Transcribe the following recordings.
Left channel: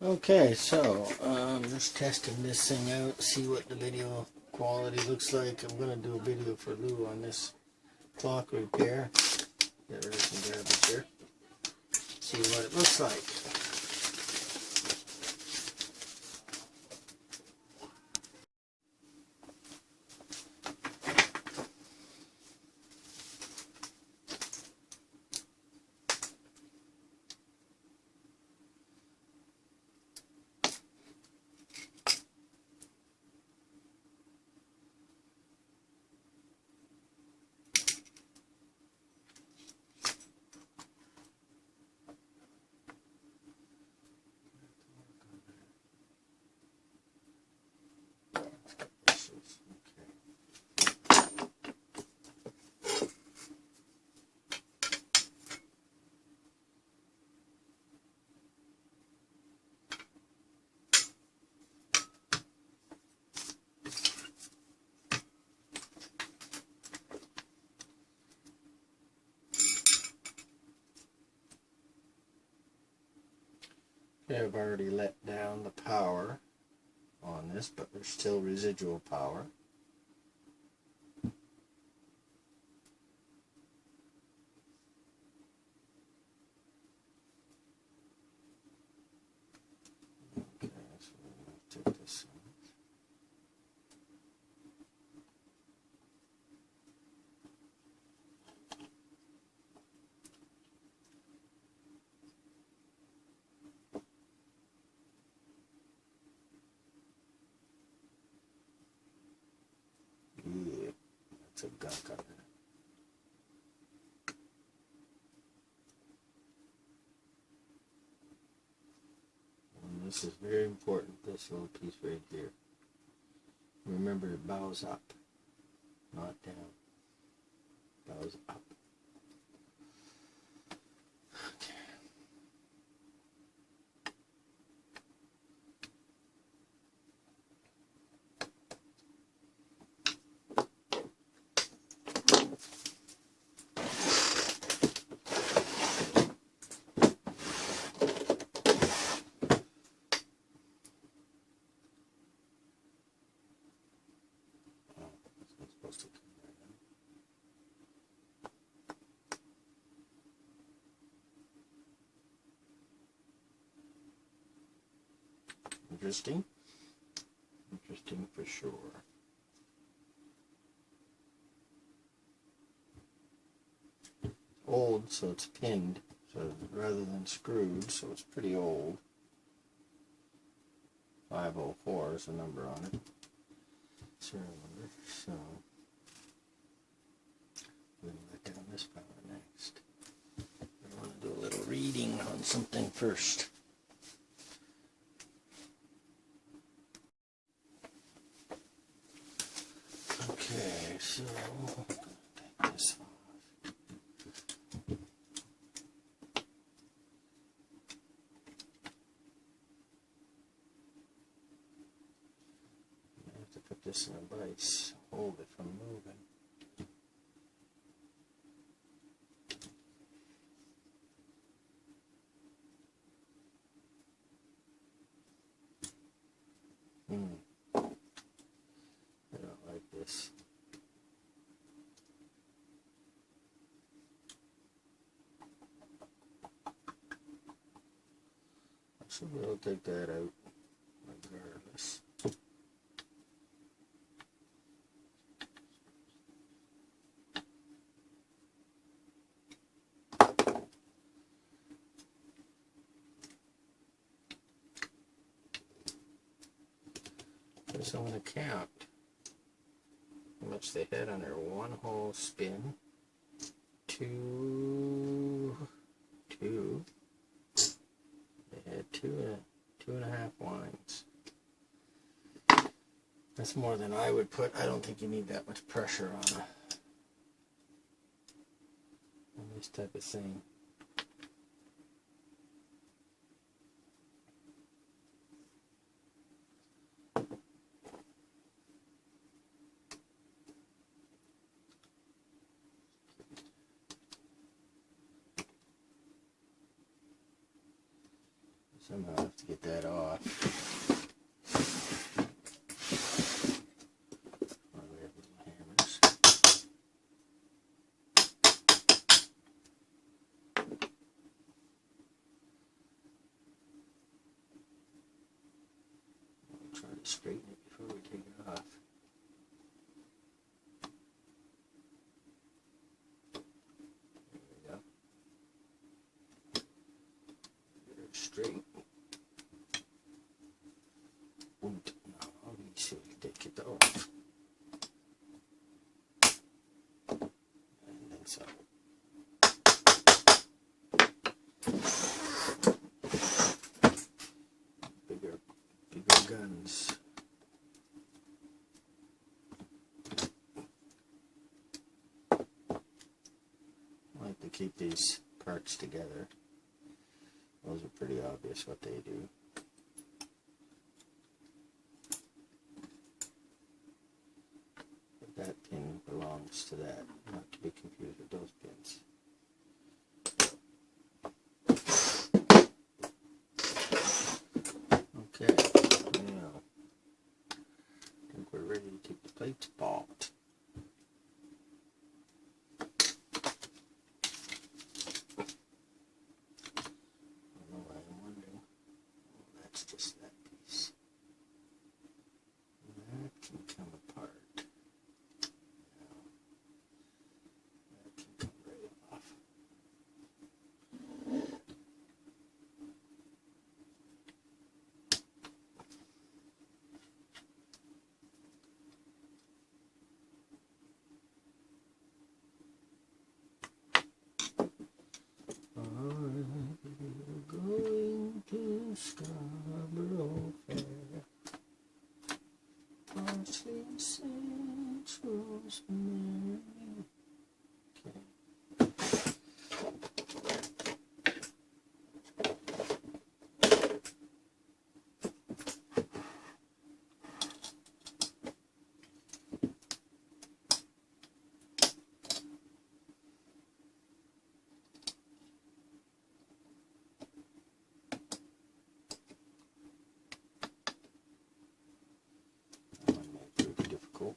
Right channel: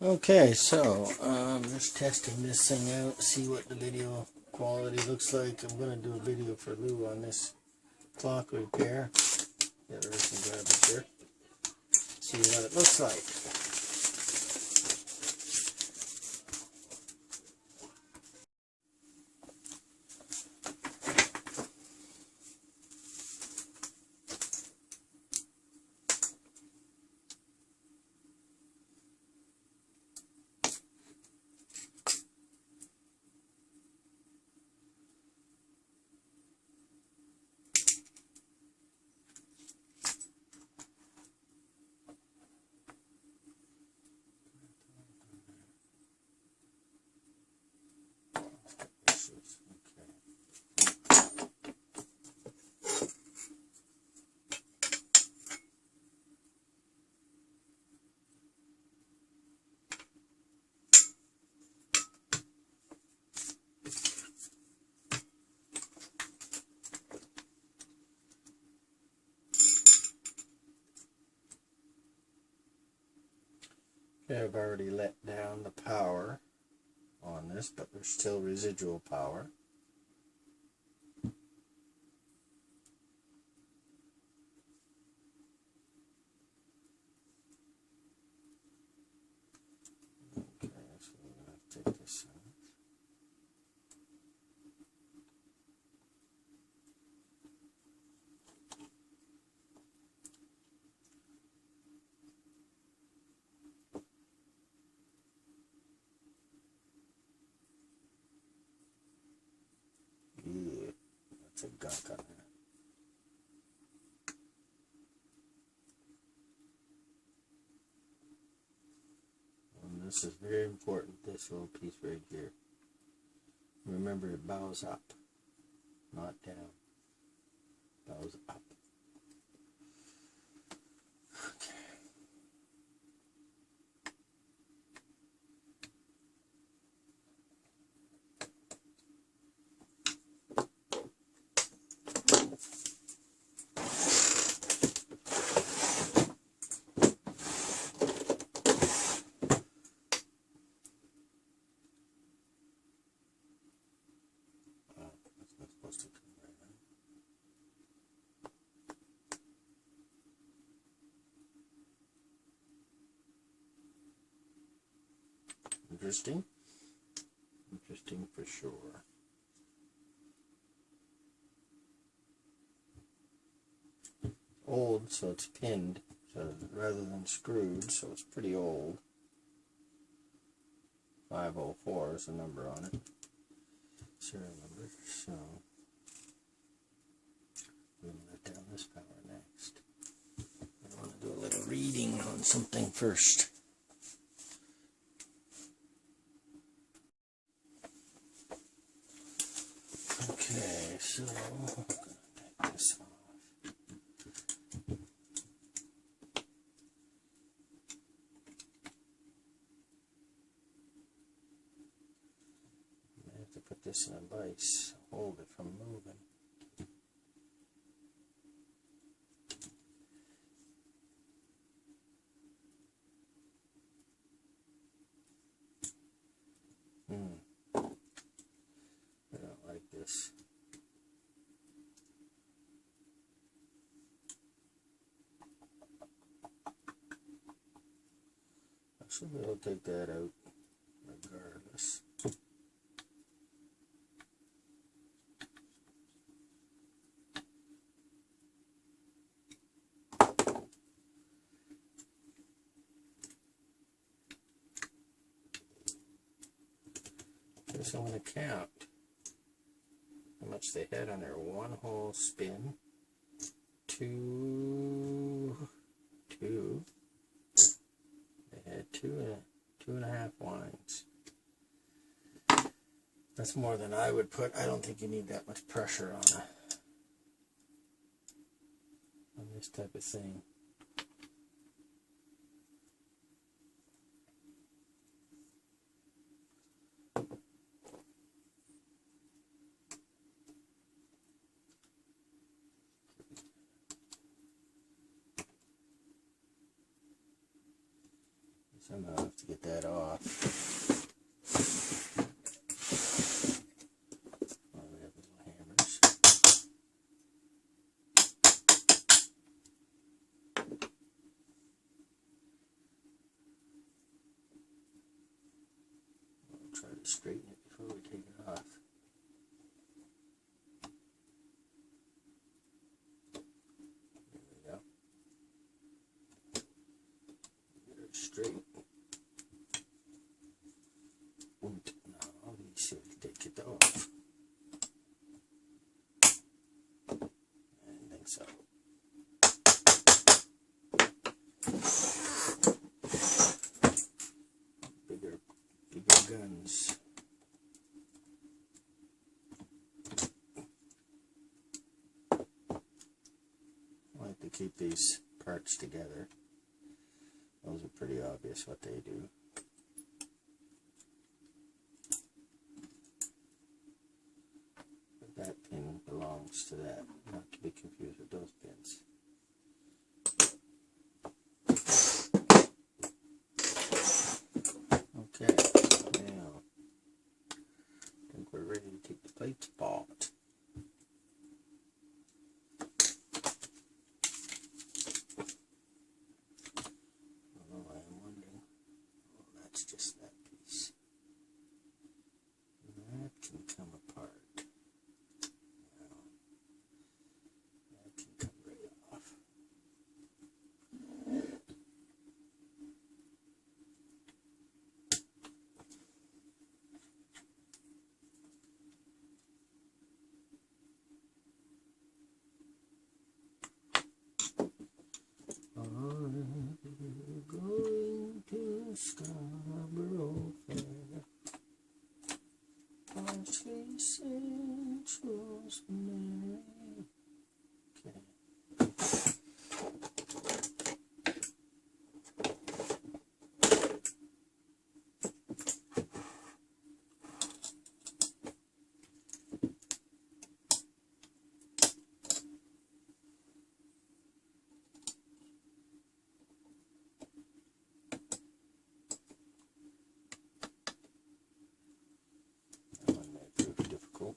Okay, so just testing this thing out, see what the video quality looks like. I'm going to do a video for Lou on this clock repair. Get rid of some garbage here. See what it looks like. Okay, I've already let down the power on this, but there's still residual power. Okay, so we're going to take this out. Yeah, that's a gunk on there. And this is very important, this little piece right here. Remember, it bows up, not down. Bows up. Okay. That's not supposed to come right now. Interesting. Interesting for sure. Old, so it's pinned, so rather than screwed, so it's pretty old. 504 is the number on it. Serial number. So I'm going to let down this power next. I want to do a little reading on something first. Okay, so I'm going to take this off. I have to put this in a vise, hold it from moving. I don't like this. I should be able to take that out regardless. Okay, so I'm going to count how much they had on their one hole spin. Two. They had two and a half lines. That's more than I would put. I don't think you need that much pressure on this type of thing. Somehow I have to get that off. Oh, we have little hammers. I'll try to straighten it before we take it off. There we go. Get it straight. Und now we should take it off. And then so. Bigger guns. I like to keep these parts together. Those are pretty obvious what they do. That pin belongs to that, not to be confused with those pins. Okay, now I think we're ready to take the plates apart. I don't know why I'm wondering. Oh, that's just that piece. That can come apart. That can come right off. I'm going to Scarborough Fair. Parsley, sage, rosemary. Okay. That one may prove difficult.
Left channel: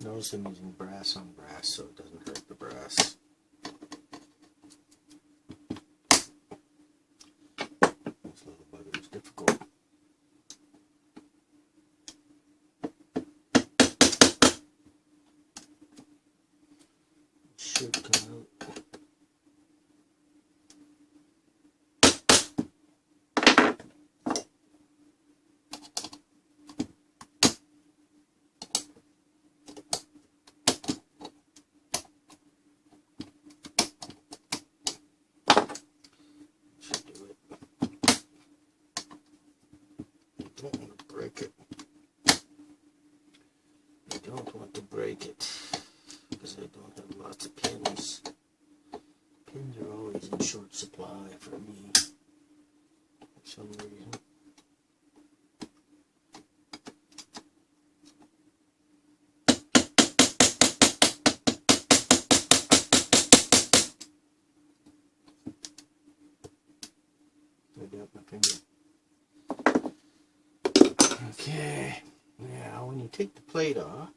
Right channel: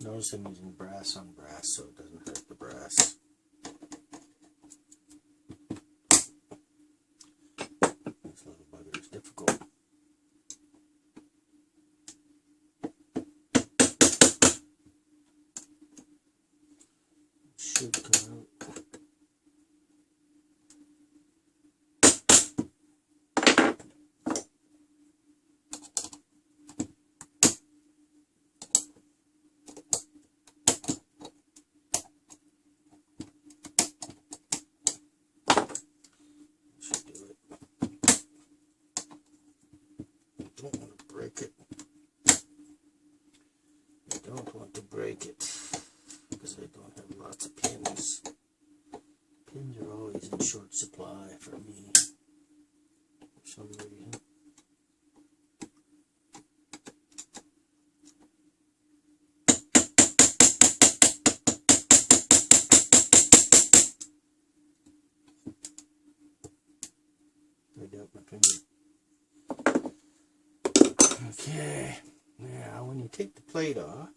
Notice I'm using brass on brass so it doesn't hurt the brass. This little bugger is difficult. It should come out. Pins are always in short supply for me for some reason. I got my finger. Okay, now when you take the plate off,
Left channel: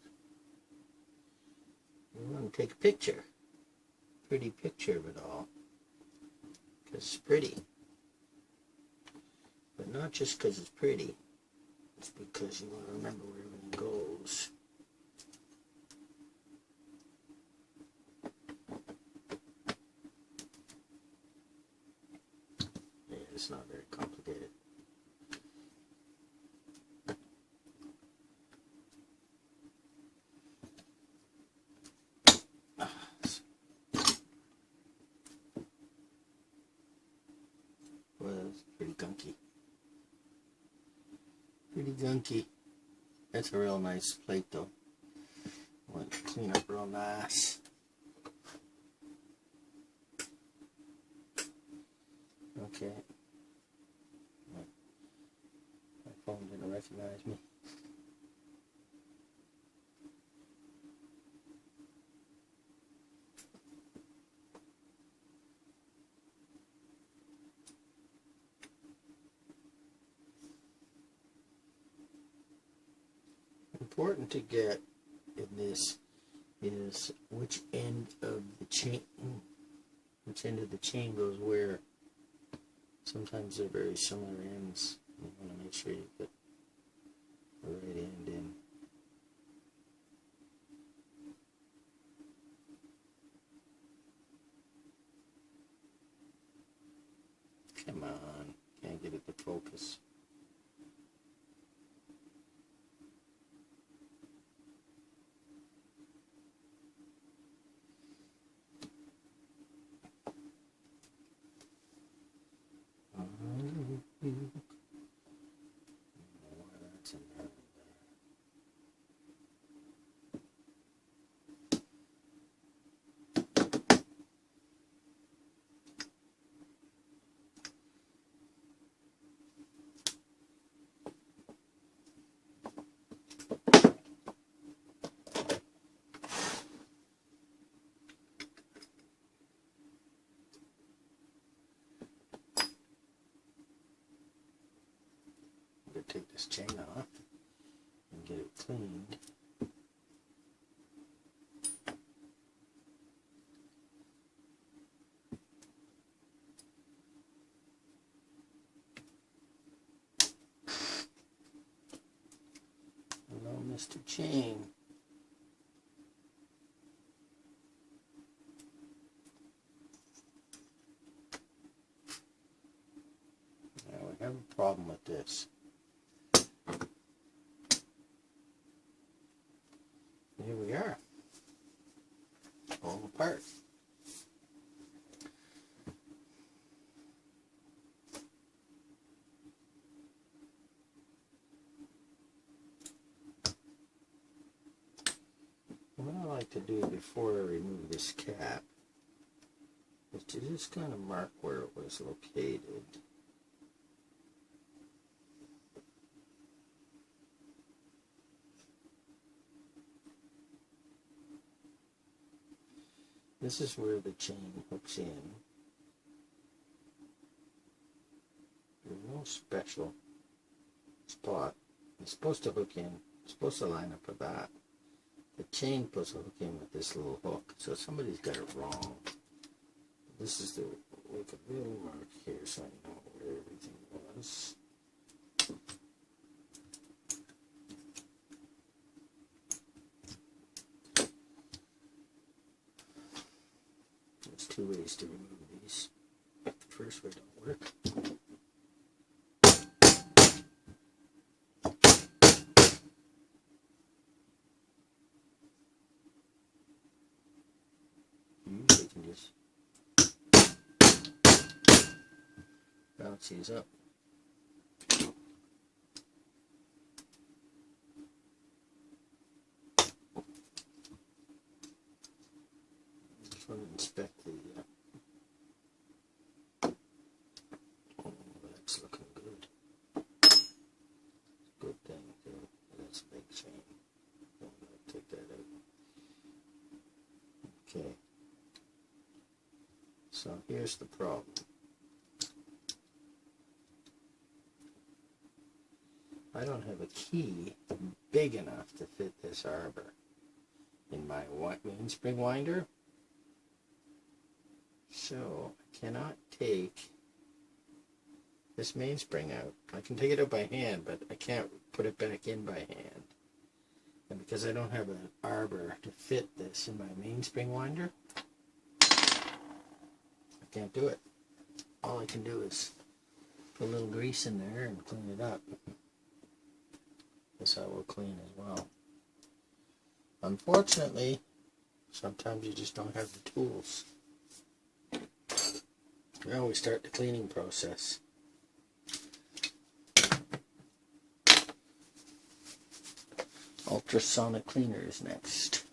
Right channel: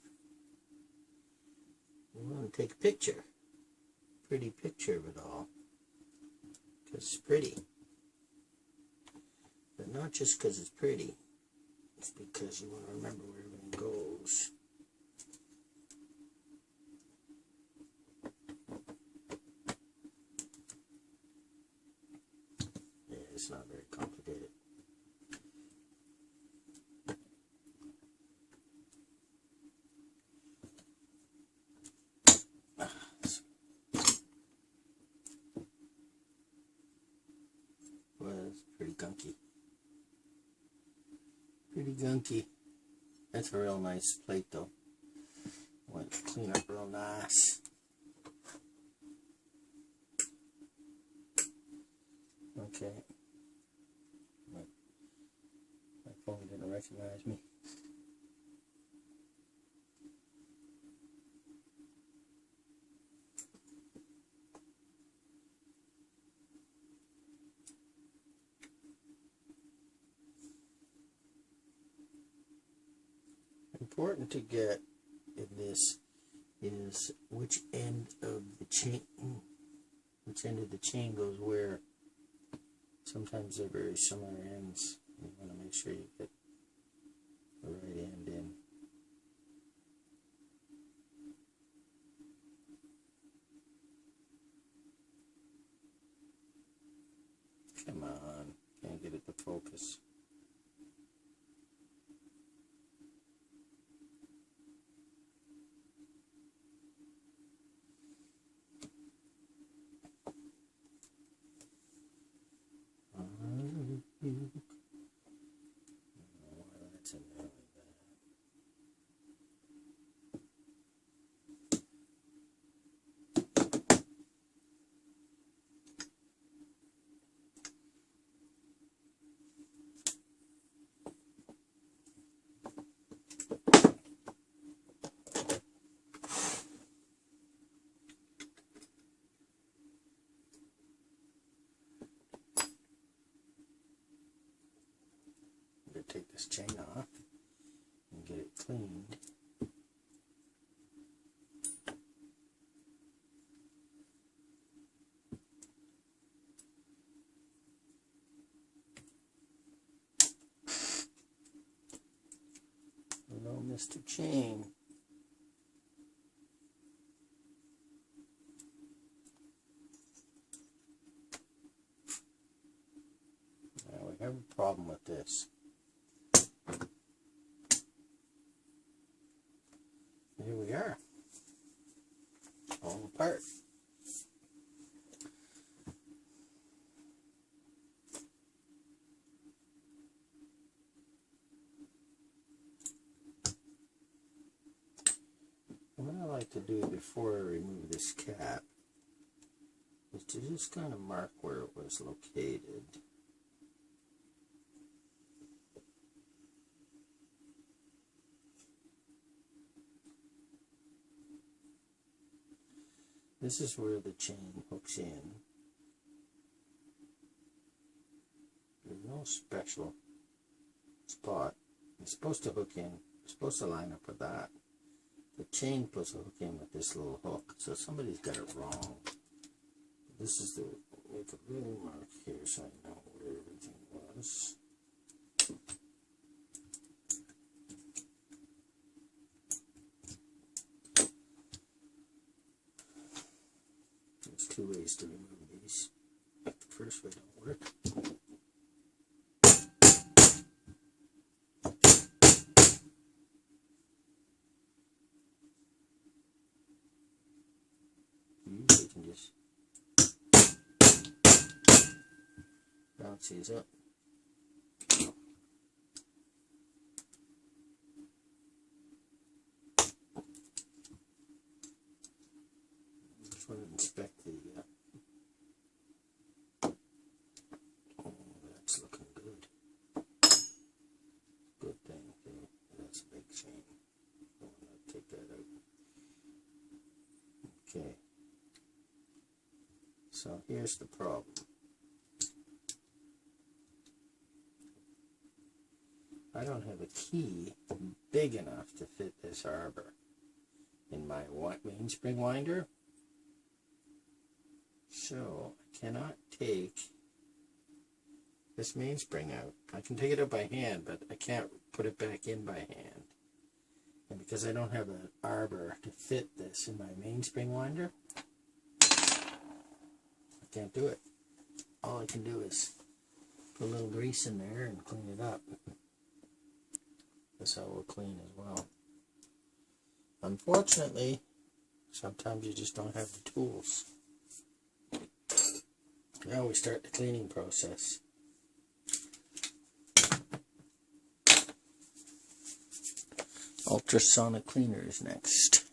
you want to take a picture. Pretty picture of it all. Because it's pretty. But not just because it's pretty. It's because you want to remember where everything goes. Yeah, it's not very complicated. Well, it's pretty gunky. Pretty gunky. That's a real nice plate though. Want to clean up real nice. Okay. My phone didn't recognize me. Important to get in this is which end of the chain goes where. Sometimes they're very similar ends. You want to make sure you get the right end in. Come on, can't get it to focus. Take this chain off and get it cleaned. Hello, Mr. Chain. Now we have a problem with this. Here we are, all apart. What I like to do before I remove this cap is to just kind of mark where it was located. This is where the chain hooks in. There's no special spot. It's supposed to hook in. It's supposed to line up with that. The chain supposed to hook in with this little hook. So somebody's got it wrong. This is the, we could really mark here so I know where everything was. There's two ways to remove these. The first way don't work. Usually you can just bounce these up. Just want to inspect the So here's the problem. I don't have a key big enough to fit this arbor in my mainspring winder. So I cannot take this mainspring out. I can take it out by hand, but I can't put it back in by hand. And because I don't have an arbor to fit this in my mainspring winder, I can't do it. All I can do is put a little grease in there and clean it up. This I will clean as well. Unfortunately, sometimes you just don't have the tools. Now we start the cleaning process. Ultrasonic cleaner is next.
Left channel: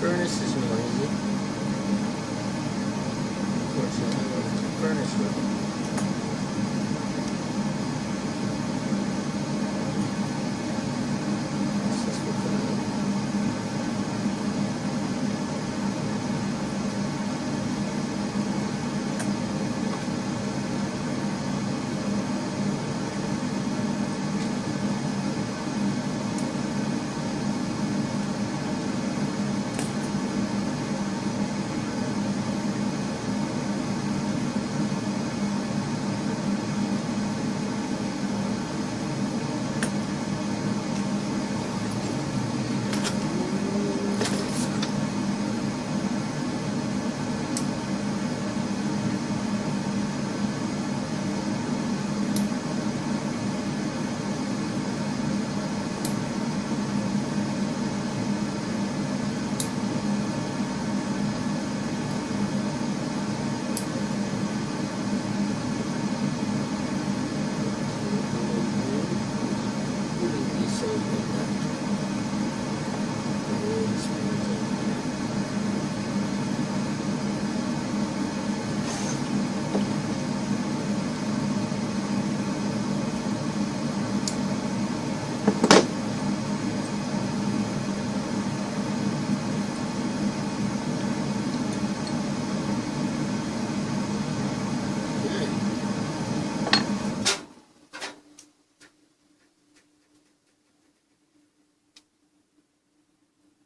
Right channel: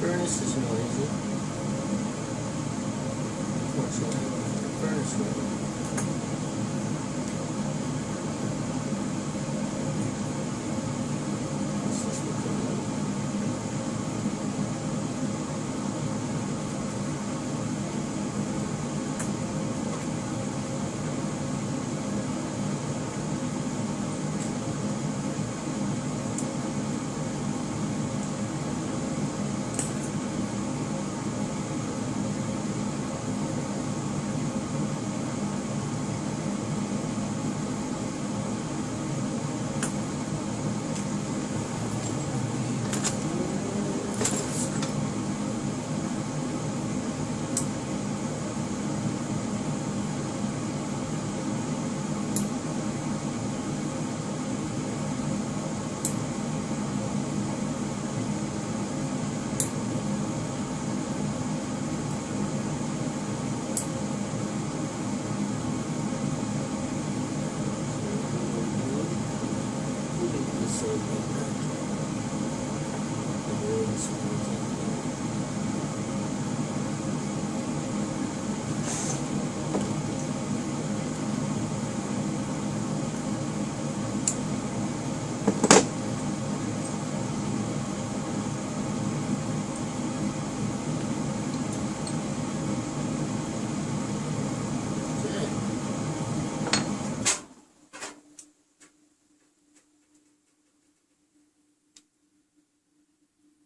Furnace is noisy. Unfortunately, I went to the furnace room. This will come out.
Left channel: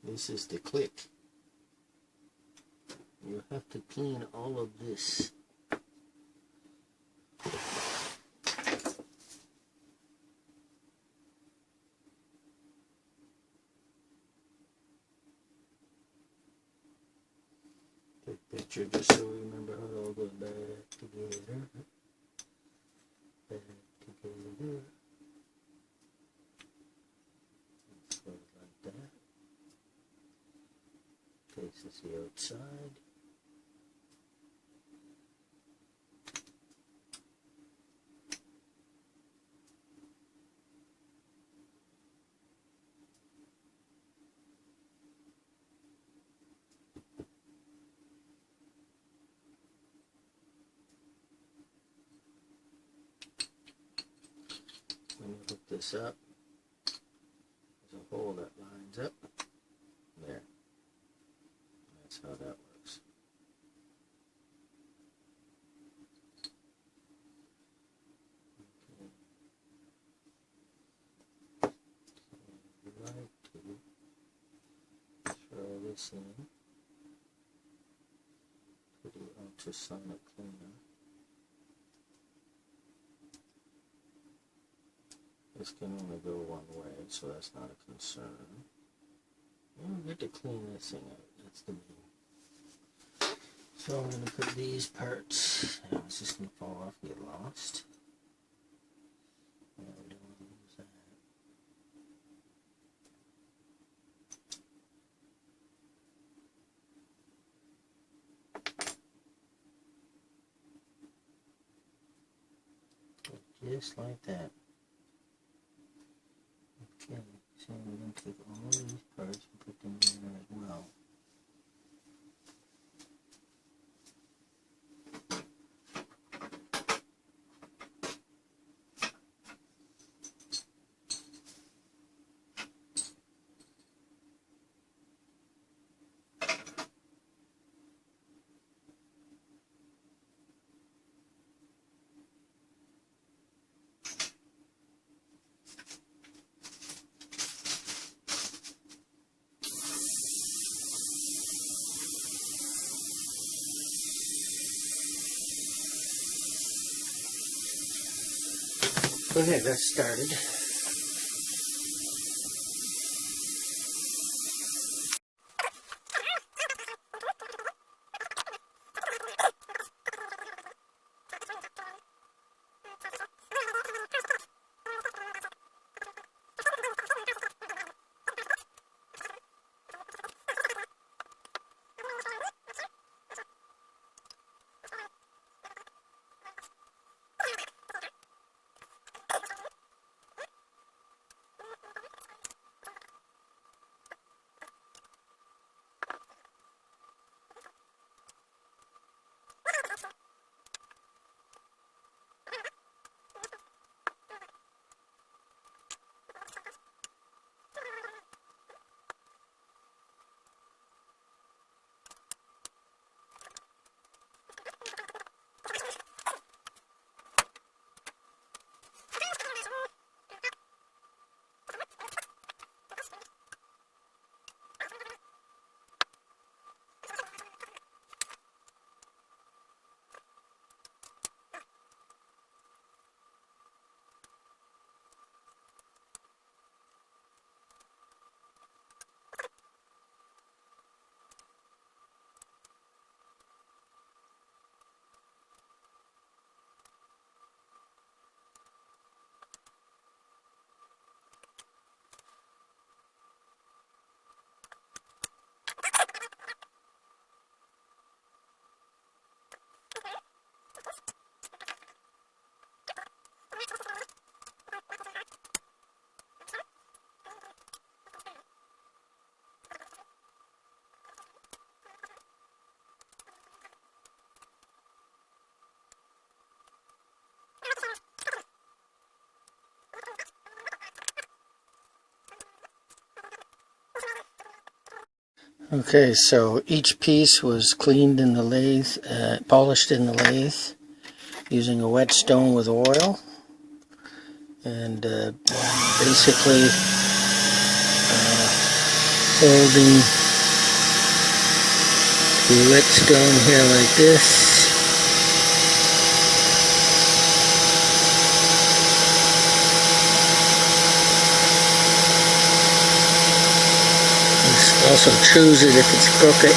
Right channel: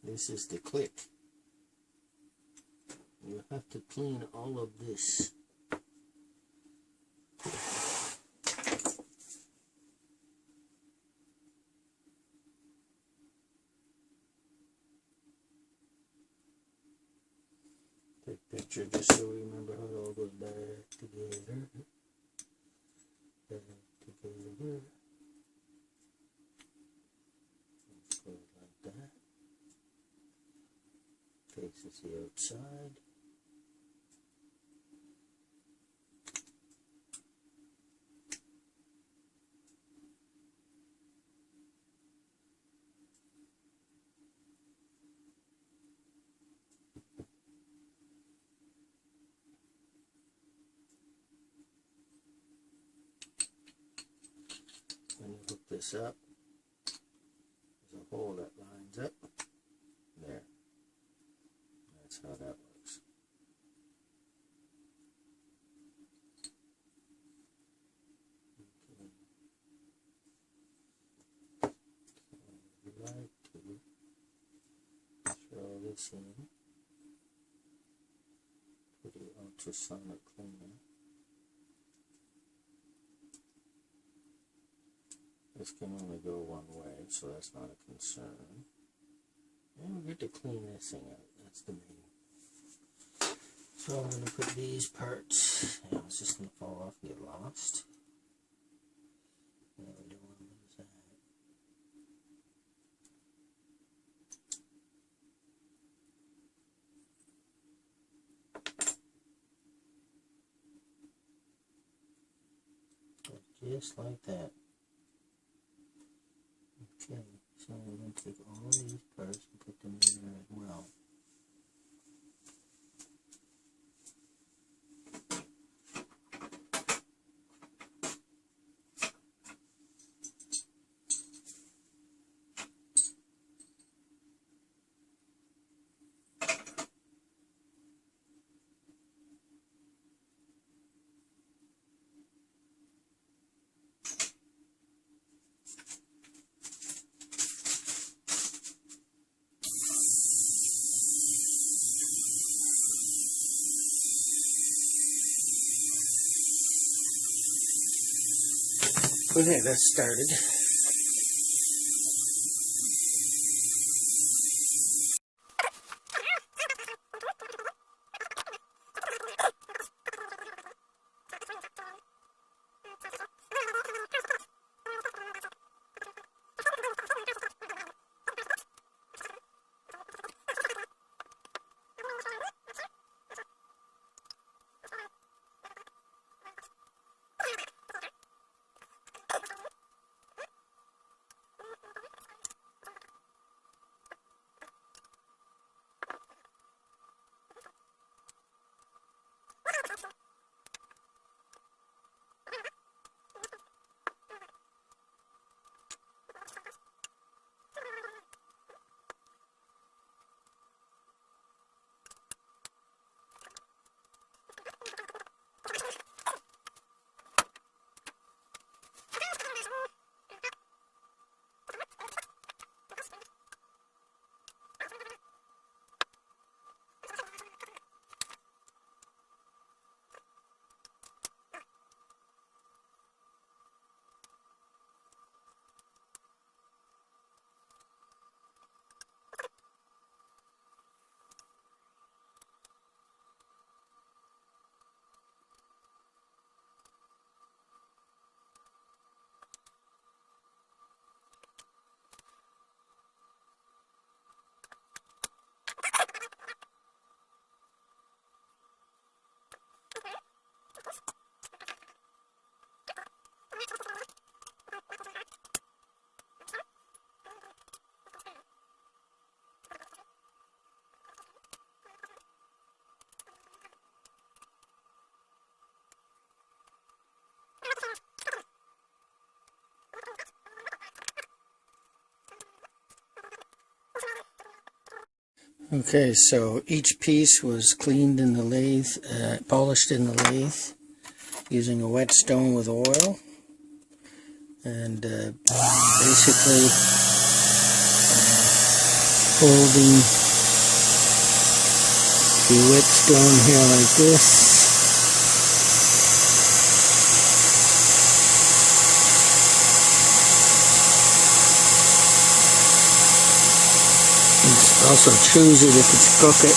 This is the click. You have to clean all of this. Take a picture just so we remember how it all goes back together. Back together. Let's go like that. Faces the outside. When you hook this up, there's a hole that lines up there. That's how that works. Okay. this in. Pretty ultrasonic cleaner. This can only go one way, so that's not a concern. We'll get to clean this thing out. That's the main. So I'm going to put these parts. Yeah, it's just going to fall off, get lost. Yeah, we don't want to lose that. Just like that. Okay, so we're going to take all these parts and put them in there as well. Okay, that's started. Okay, so each piece was cleaned in the lathe, polished in the lathe using a whetstone with oil, and basically holding the whetstone here like this. This also chews it if it's crooked.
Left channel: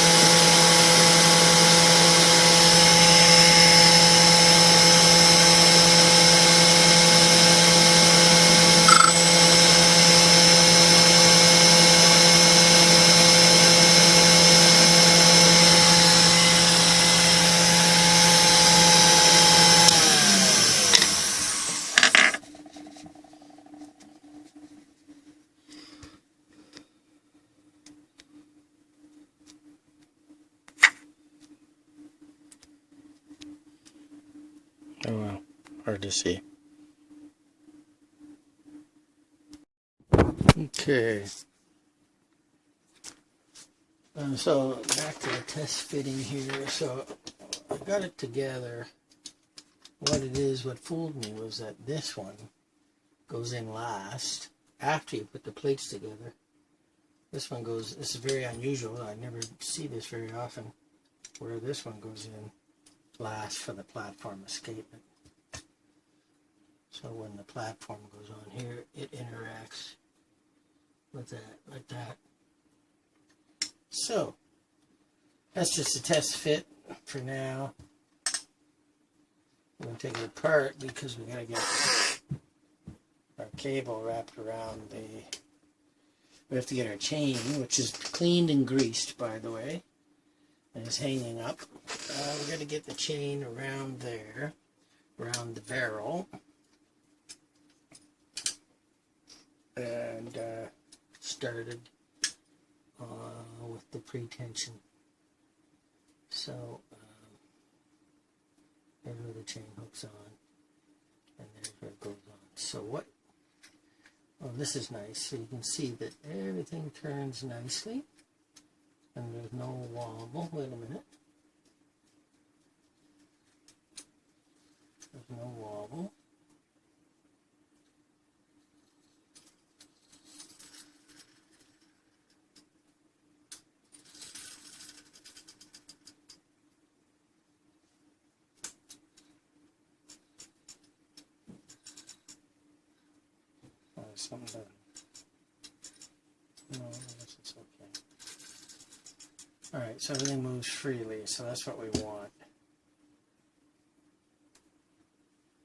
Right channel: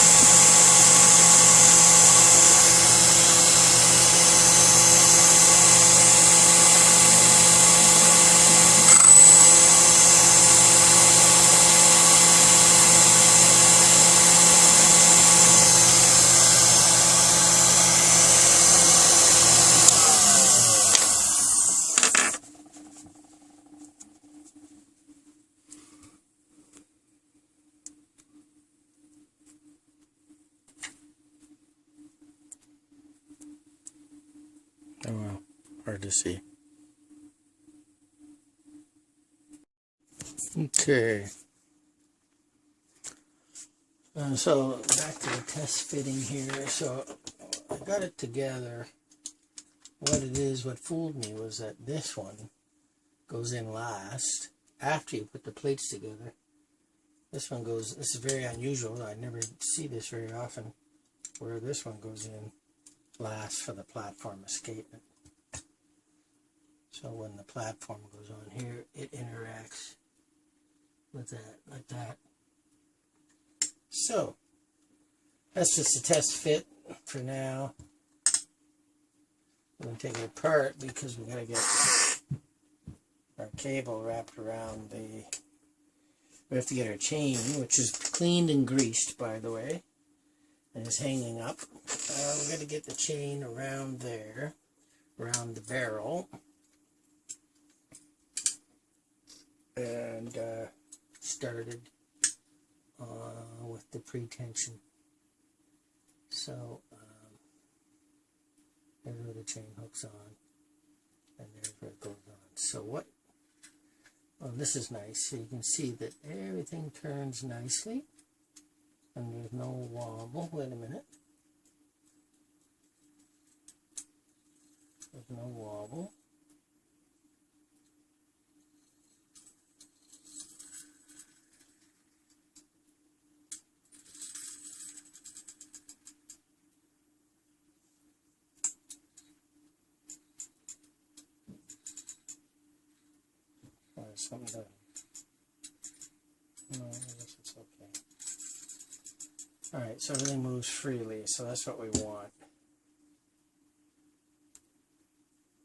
Oh well, hard to see. Okay. And so back to the test fitting here. So I got it together. What it is, what fooled me was that this one goes in last after you put the plates together. This one goes, this is very unusual. I never see this very often, where this one goes in last for the platform escapement. So when the platform goes on here, it interacts with that, like that. So that's just a test fit for now. I'm going to take it apart because we got to get our cable wrapped around the, we have to get our chain, which is cleaned and greased, by the way, and is hanging up. We got to get the chain around there, around the barrel, and started with the pre-tension. So there's where the chain hooks on, and there's where it goes on. So what, oh, this is nice. So you can see that everything turns nicely, and there's no wobble. Wait a minute. There's no wobble. Something done. No, I guess it's okay. Alright, so everything moves freely, so that's what we want.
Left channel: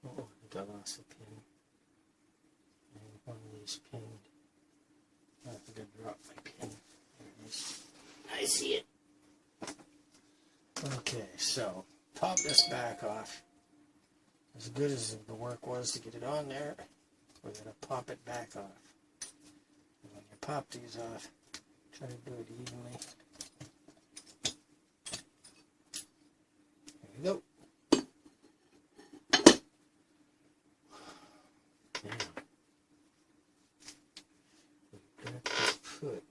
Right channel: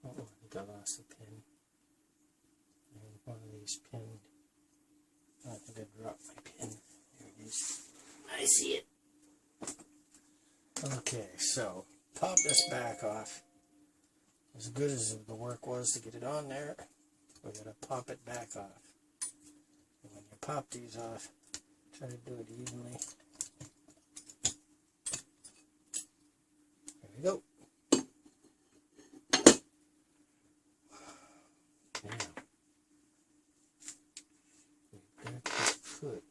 Oh, I think I lost a pin. And one of these pinned. I think I dropped my pin. There it is. I see it. Okay, so pop this back off. As good as the work was to get it on there, we're going to pop it back off. And when you pop these off, try to do it evenly. There we go. Now, we've got to put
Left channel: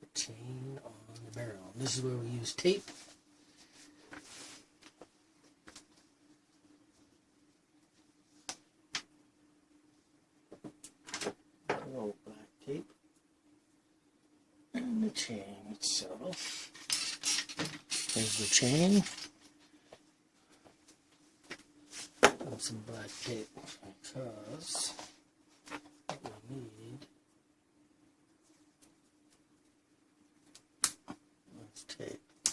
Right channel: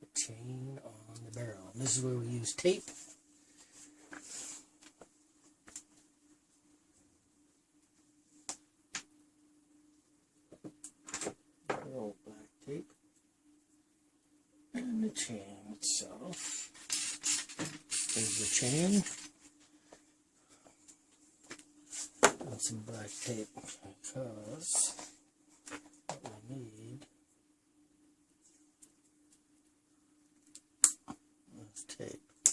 the chain on the barrel. And this is where we use tape. And the chain itself. There's the chain. And some black tape because what we need is tape to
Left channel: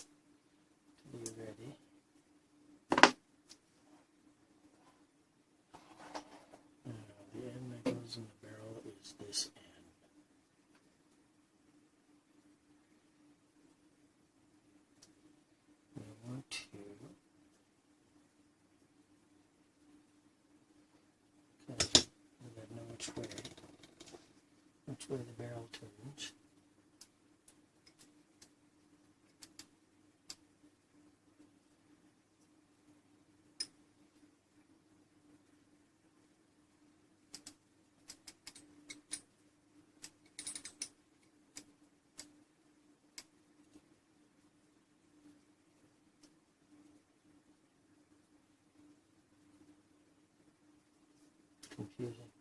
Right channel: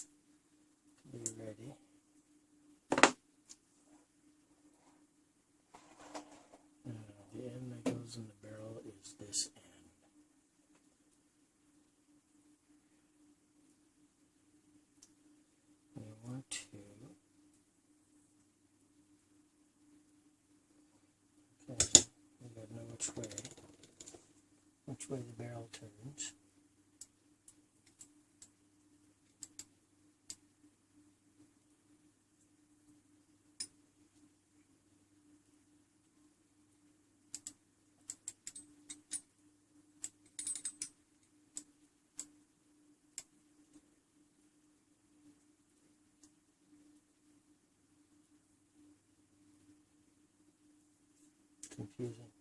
be ready. Now, the end that goes in the barrel is this end. Want to okay, I gotta know which way the barrel turns. Confusing.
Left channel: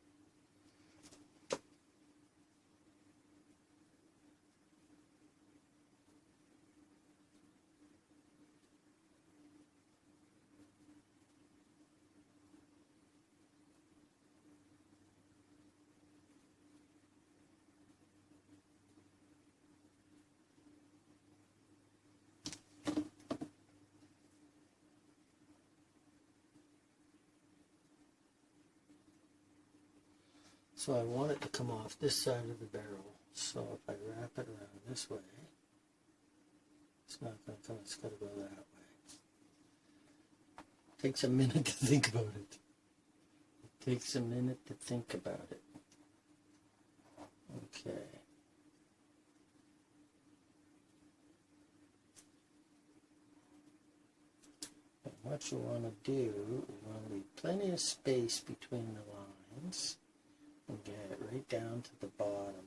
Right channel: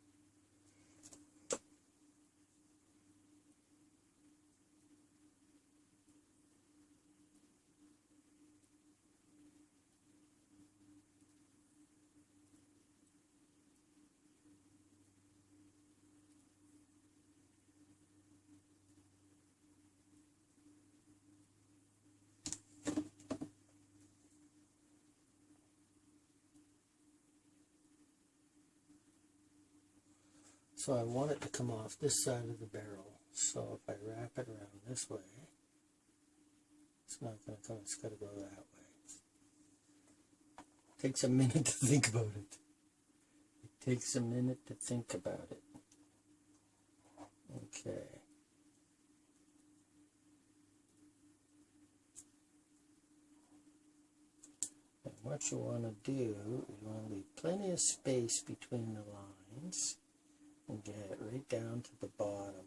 So I want it to come off this side of the barrel. So if I wrap it around this way, it's not going to come, it's got to go that way. It takes a minute to think about it. It takes a minute to think about it. Okay. And what you want to do is you want to leave plenty of space between the lines. And get it right down to the bottom.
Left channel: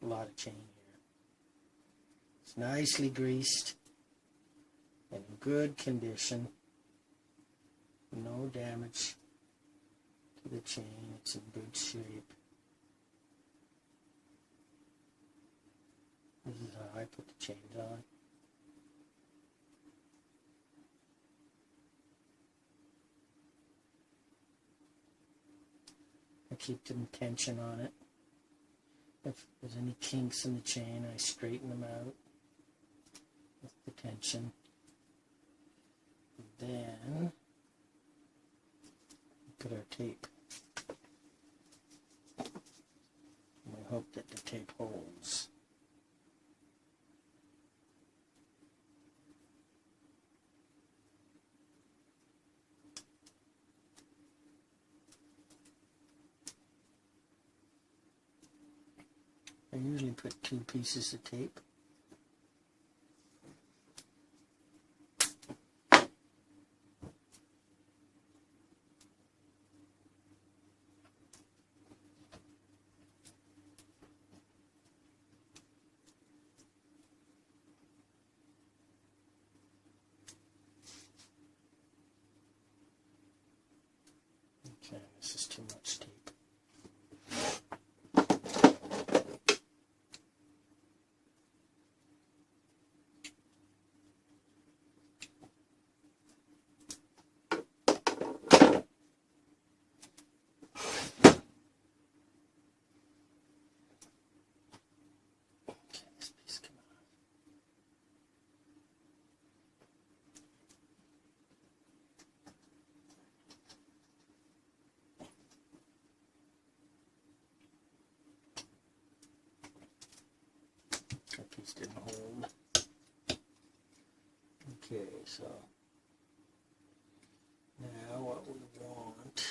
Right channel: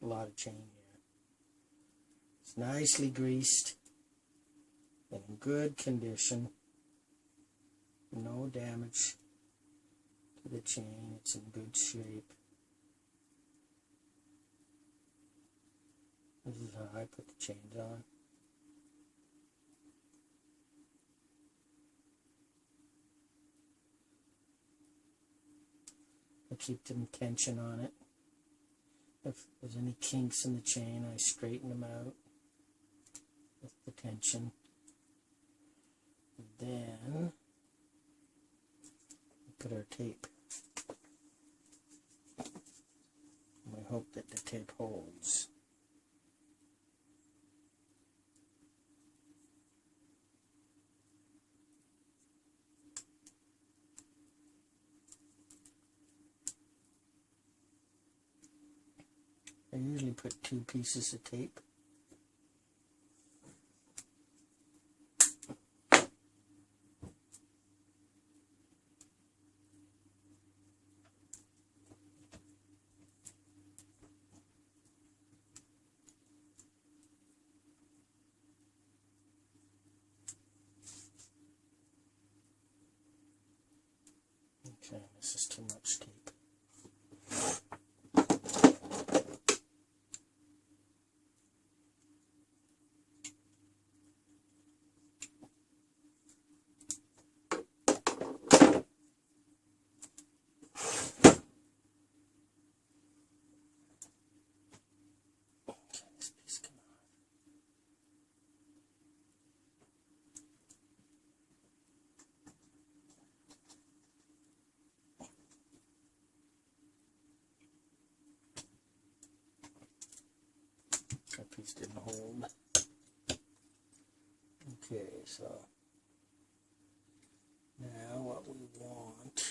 A lot of chain here. It's nicely greased and in good condition. No damage to the chain. It's in good shape. This is how I put the chains on. I keep the tension on it. If there's any kinks in the chain, I straighten them out with the tension. And then we put our tape. And we hope that the tape holds. I usually put 2 pieces of tape. Okay, this is too much tape. That piece didn't hold. Okay, so now what we want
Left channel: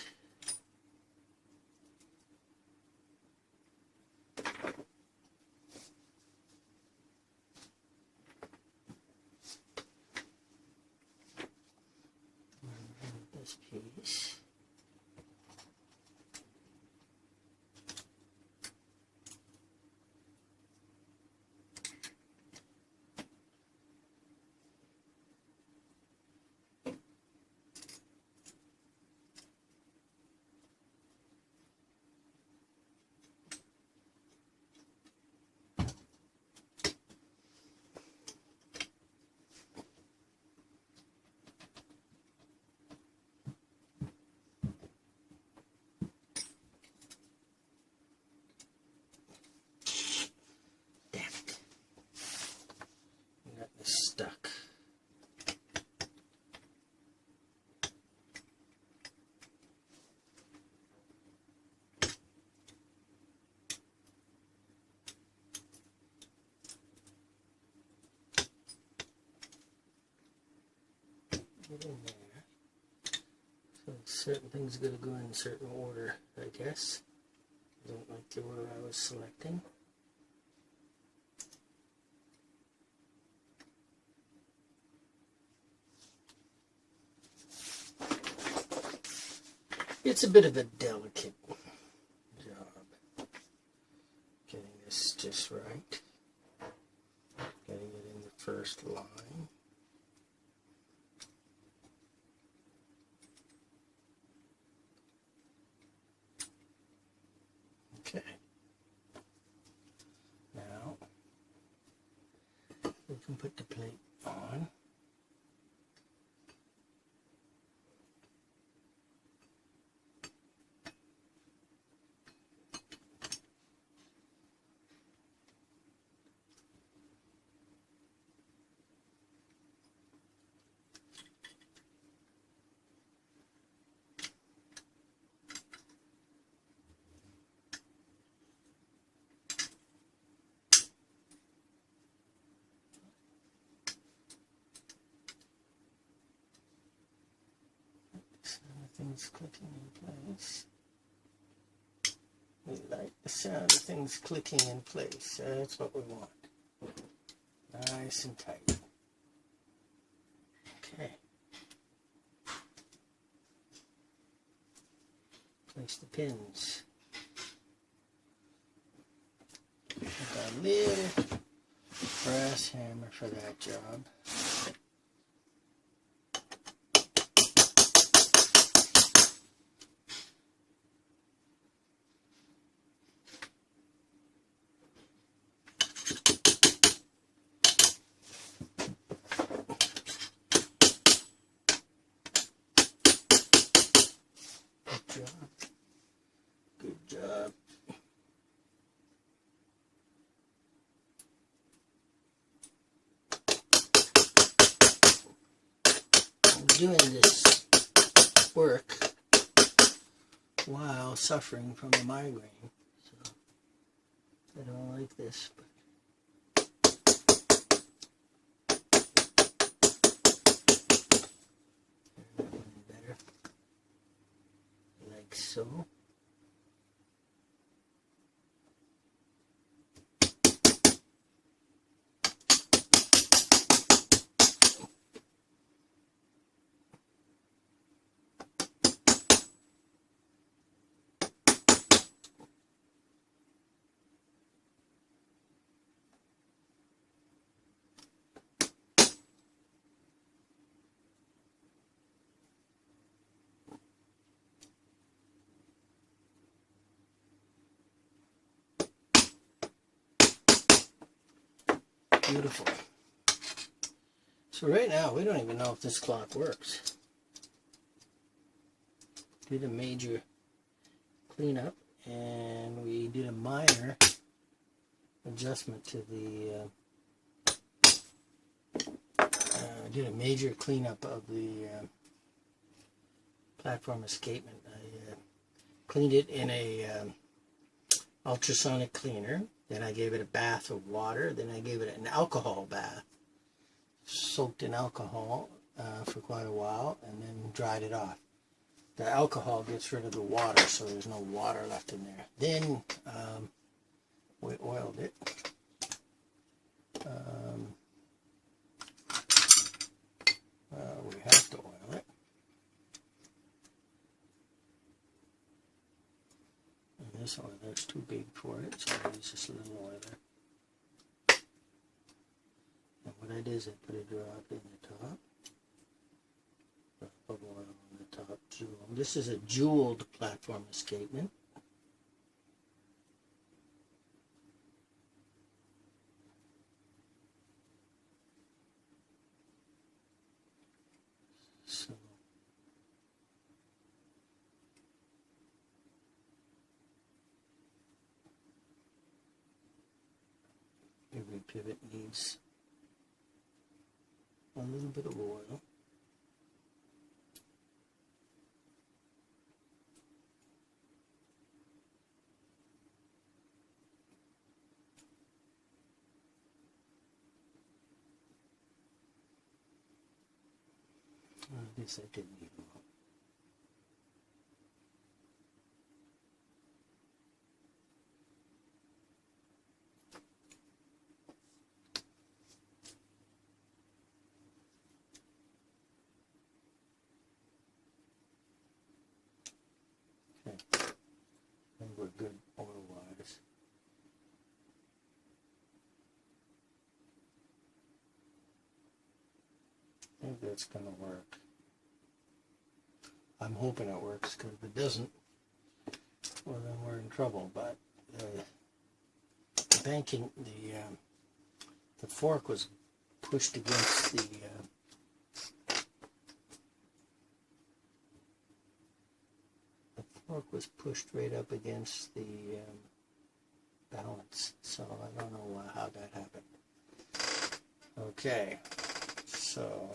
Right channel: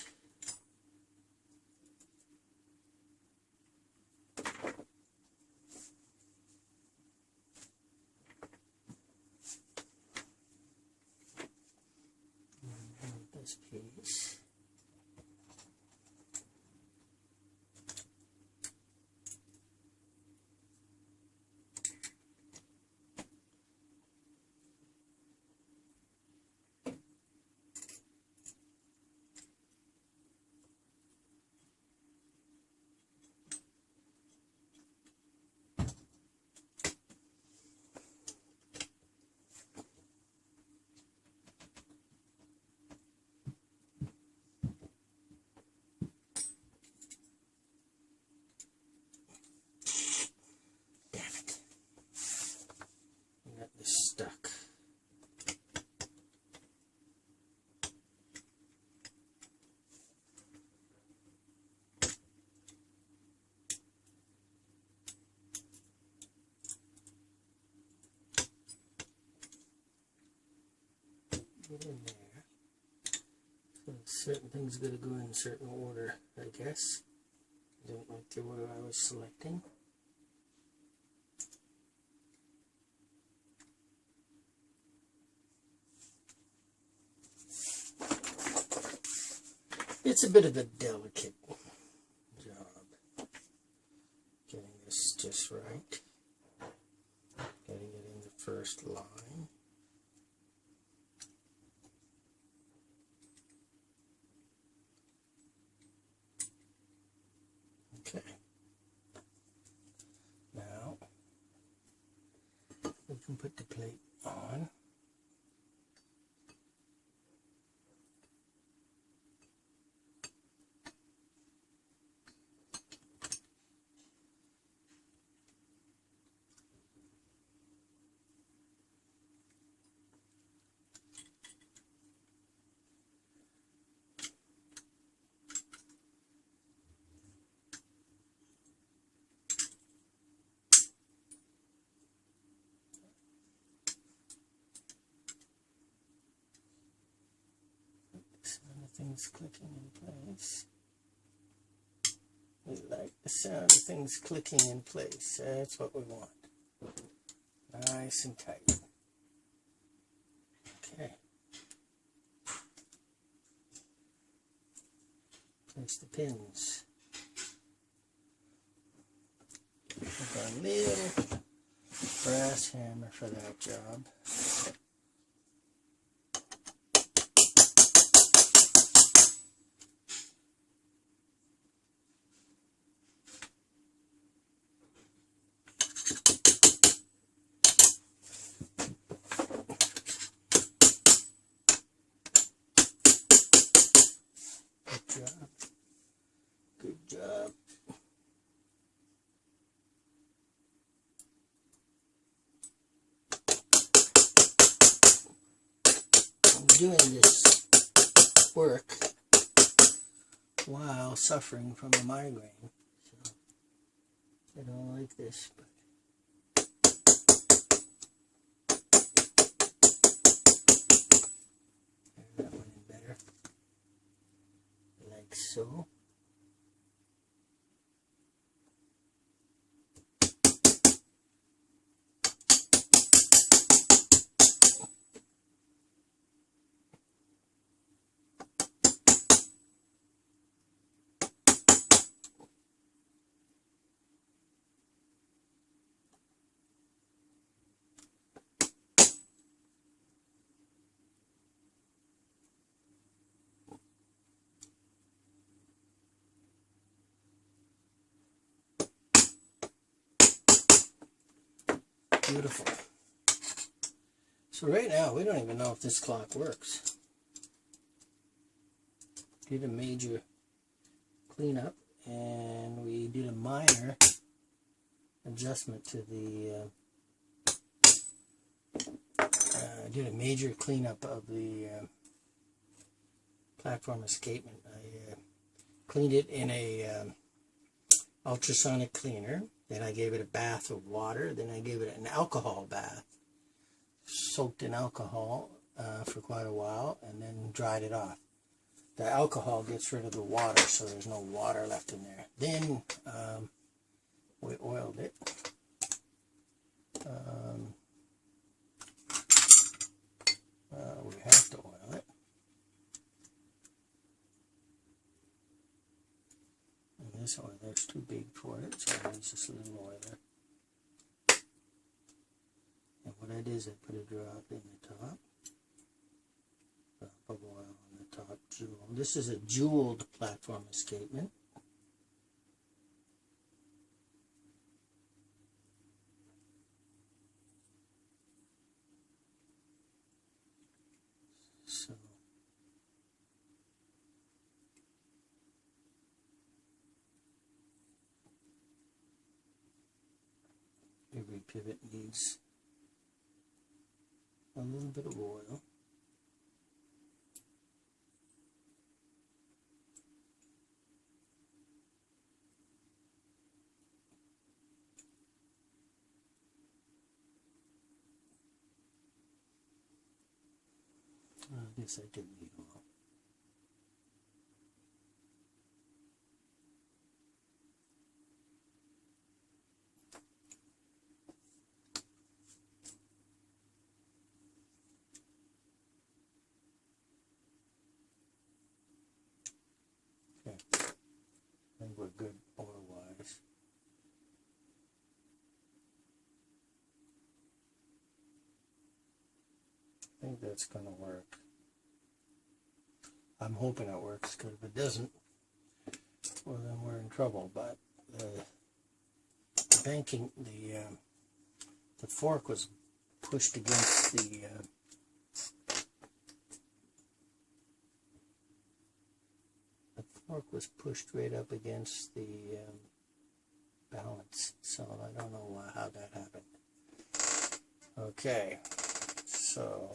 this piece. Stuck. Get in there. So certain things got to go in certain order, I guess. I don't like the order I was selecting. It's a bit of a delicate job getting this just right, getting it in the first line. Okay, now we can put the plate on. Things clicking in place. We like the sound of things clicking in place. That's what we want. Nice and tight. Okay. Place the pins. Got a little brass hammer for that job. doing this work while suffering from a migraine. So I don't like this, but that one in better. Like so. Beautiful. So right now, we don't even know if this clock works. Did a major cleanup, and we did a minor adjustment to the, did a major cleanup of the platform escapement. I cleaned it in a ultrasonic cleaner. Then I gave it a bath of water. Then I gave it an alcohol bath, soaked in alcohol for quite a while, and then dried it off. The alcohol gets rid of the water, so there's no water left in there. Then we oiled it. We have to oil it. And this oiler's too big for it, so I use this little oiler. And what I did is I put a drop in the top. Drop of oil on the top jewel. This is a jeweled platform escapement. So every pivot needs a little bit of oil. I guess I didn't need oil. Okay, I think we're good oil-wise. I think that's going to work. I'm hoping it works, because if it doesn't, well, then we're in trouble. But the banking, the fork was pushed against the fork was pushed right up against the balance. So I don't know how that happened. Okay, so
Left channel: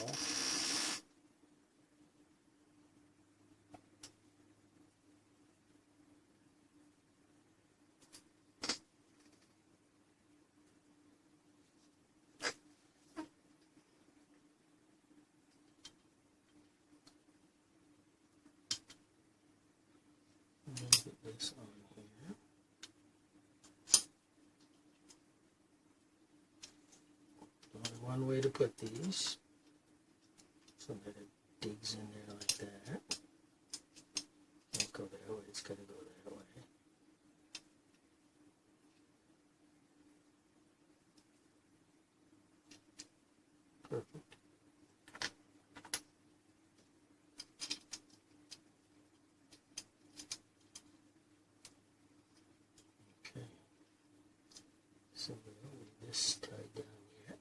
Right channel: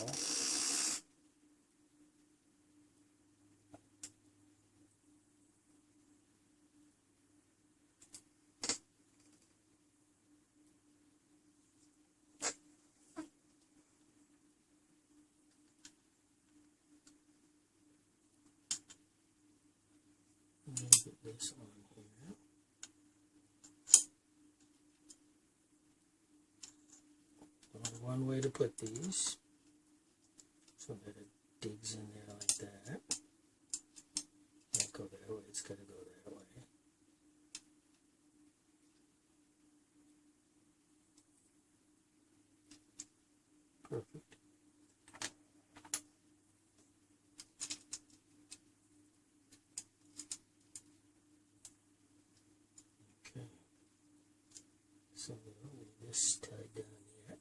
let me get this on here. Only one way to put these, so that it digs in there like that. Can't go that way, it's got to go that way. Perfect. Okay. So we don't need this tied down yet.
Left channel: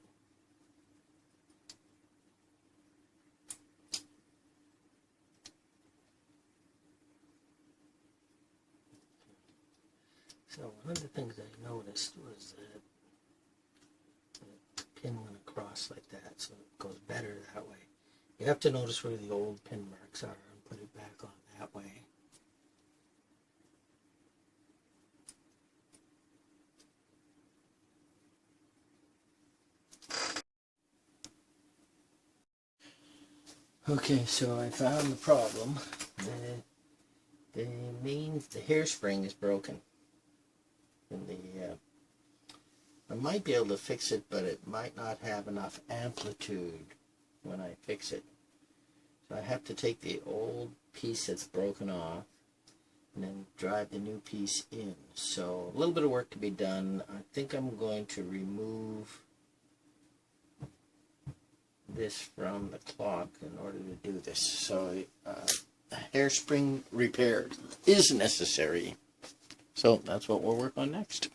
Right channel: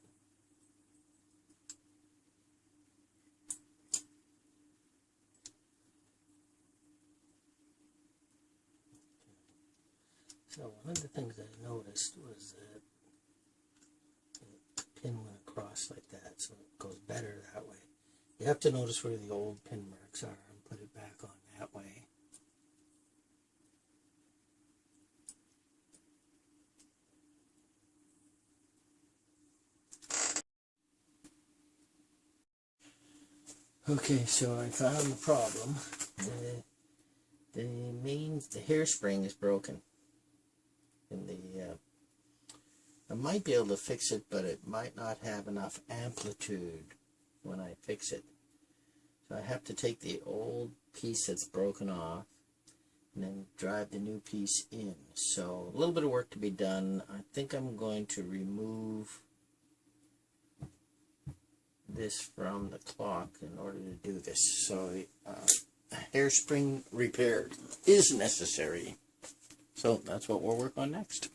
So one of the things I noticed was that the pin went across like that, so it goes better that way. You have to notice where the old pin marks are and put it back on that way. Okay, so I found the problem. The hairspring is broken. And I might be able to fix it, but it might not have enough amplitude when I fix it. So I have to take the old piece that's broken off and then drive the new piece in. So a little bit of work to be done. I think I'm going to remove this from the clock in order to do this. So a hairspring repair is necessary. So that's what we'll work on next.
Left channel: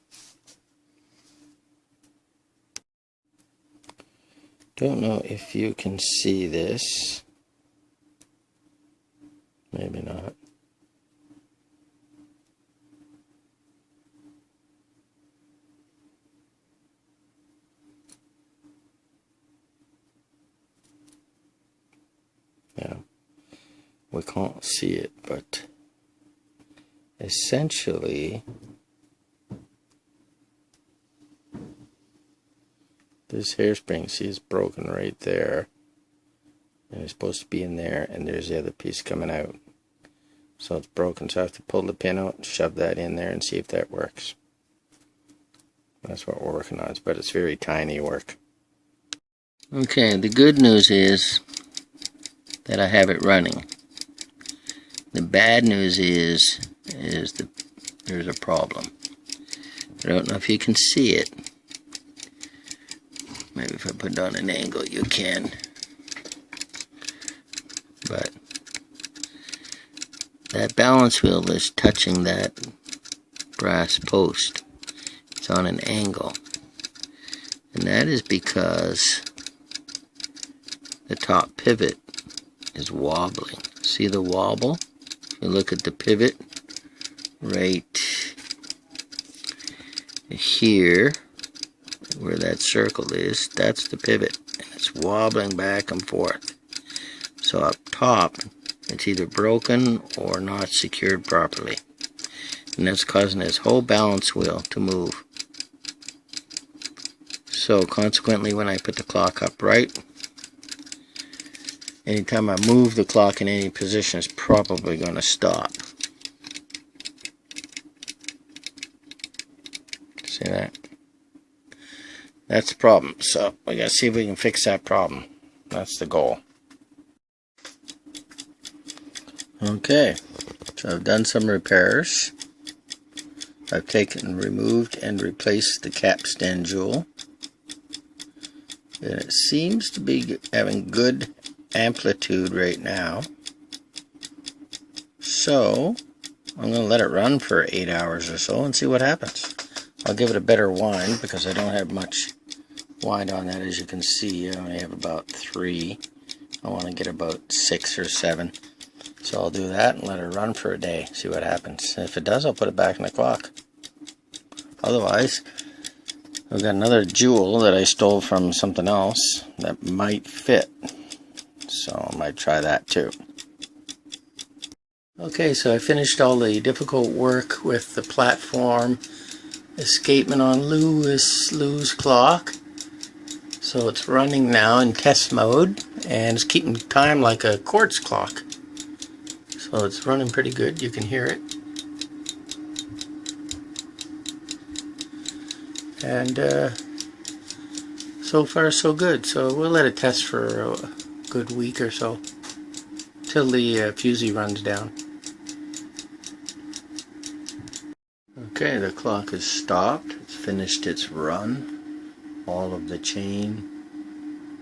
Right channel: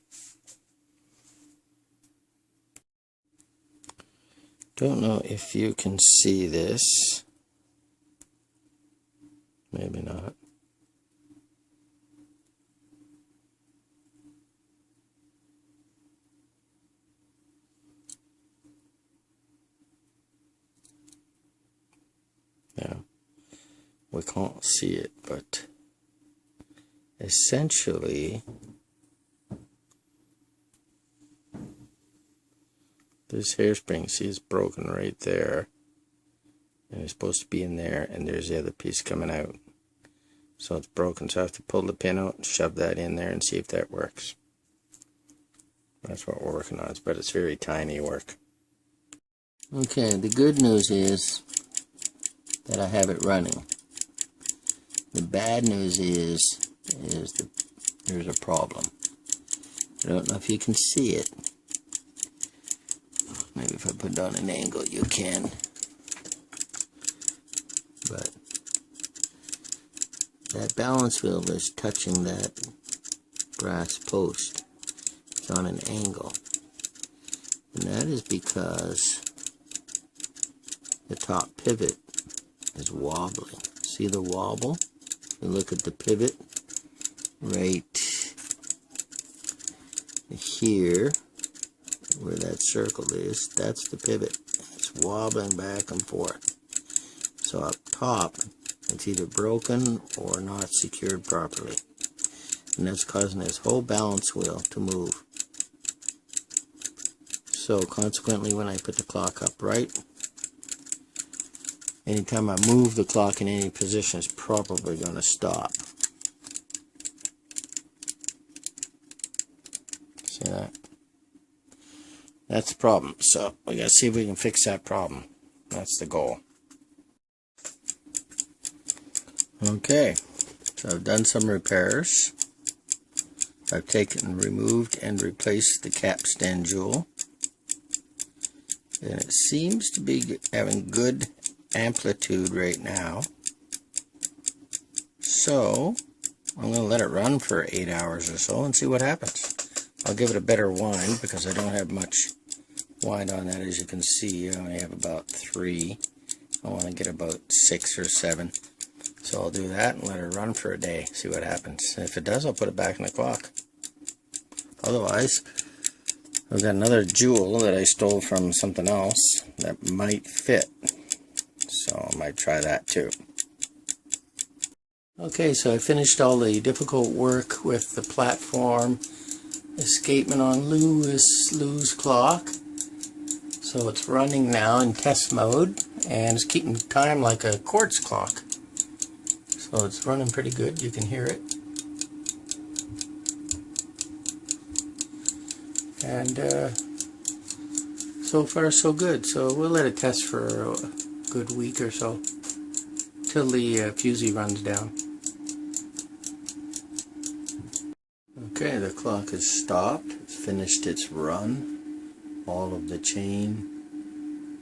Don't know if you can see this. Maybe not. Yeah, we can't see it, but essentially this hairspring, see, is broken right there, and it's supposed to be in there, and there's the other piece coming out, so it's broken. So I have to pull the pin out and shove that in there and see if that works. That's what we're working on, but it's very tiny work. Okay, the good news is that I have it running. The bad news is there's a problem. I don't know if you can see it. Maybe if I put it on an angle you can. But that balance wheel is touching that brass post. It's on an angle. And that is because the top pivot is wobbling. See the wobble? If you look at the pivot right here, where that circle is, that's the pivot. And it's wobbling back and forth. So up top, it's either broken or not secured properly. And that's causing this whole balance wheel to move. So consequently, when I put the clock upright, anytime I move the clock in any position, it's probably going to stop. See that? That's the problem. So we got to see if we can fix that problem. That's the goal. Okay, so I've done some repairs. I've taken, removed, and replaced the capstan jewel. And it seems to be having good amplitude right now. So I'm going to let it run for 8 hours or so and see what happens. I'll give it a better wind because I don't have much wind on that. As you can see, I only have about 3. I want to get about 6 or 7. So I'll do that and let it run for a day, see what happens. And if it does, I'll put it back in the clock. Otherwise, I've got another jewel that I stole from something else that might fit. So I might try that too. Okay, so I finished all the difficult work with the platform escapement on Lou's clock. So it's running now in test mode and it's keeping time like a quartz clock. So it's running pretty good, you can hear it. And so far so good. So we'll let it test for a good week or so till the fusee runs down. Okay, the clock has stopped. It's finished its run. All of the chain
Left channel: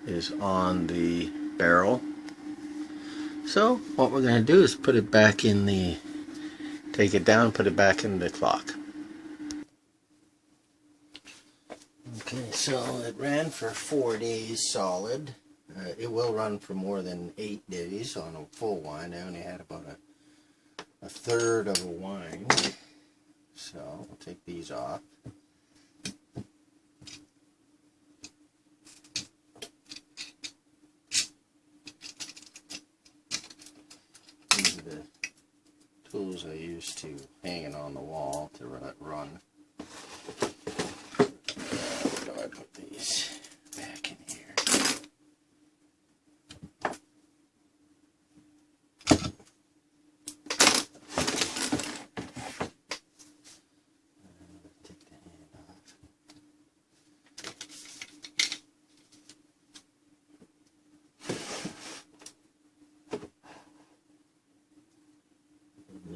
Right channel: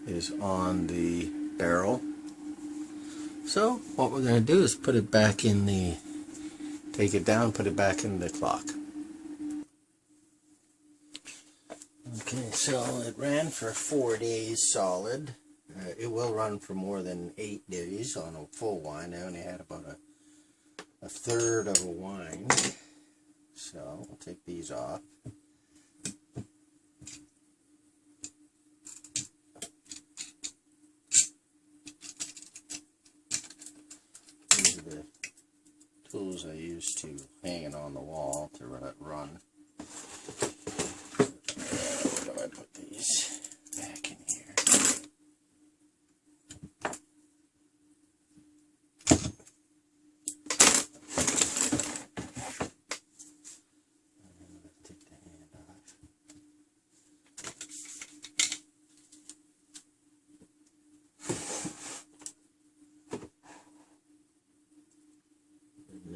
is on the barrel. So what we're going to do is put it back in the, take it down, put it back in the clock. Okay, so it ran for 4 days solid. It will run for more than 8 days on a full wind. I only had about a third of a wind. So we'll take these off. screws I used to hang it on the wall to let it run. But I put these back in here.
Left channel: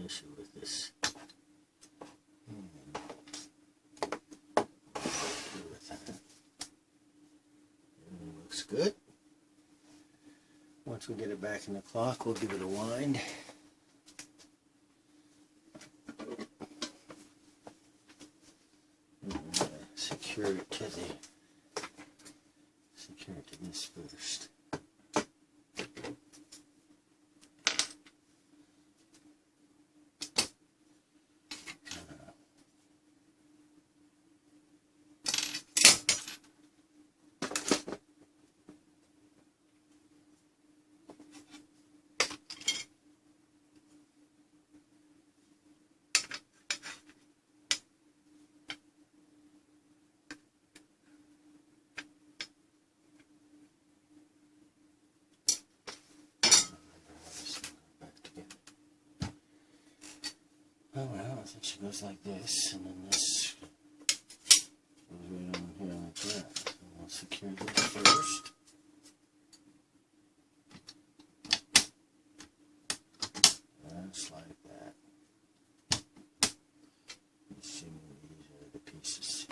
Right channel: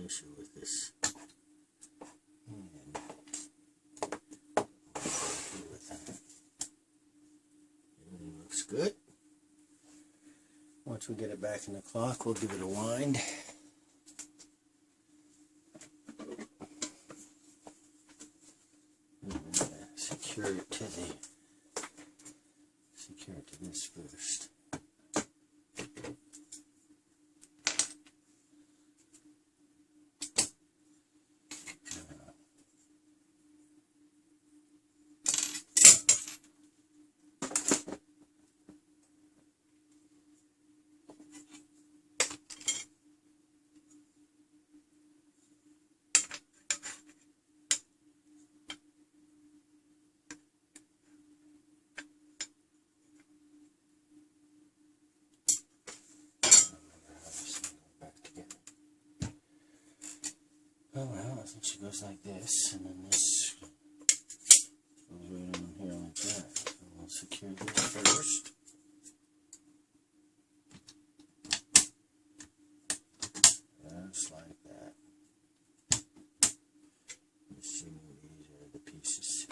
Issue with this. Everything looks good. Once we get it back in the clock, we'll give it a wind. Secure it to this first. Oh well, I think she goes like this, and then this goes right on here like that. So we'll secure this first. Just like that. Let's see, these are the pieces.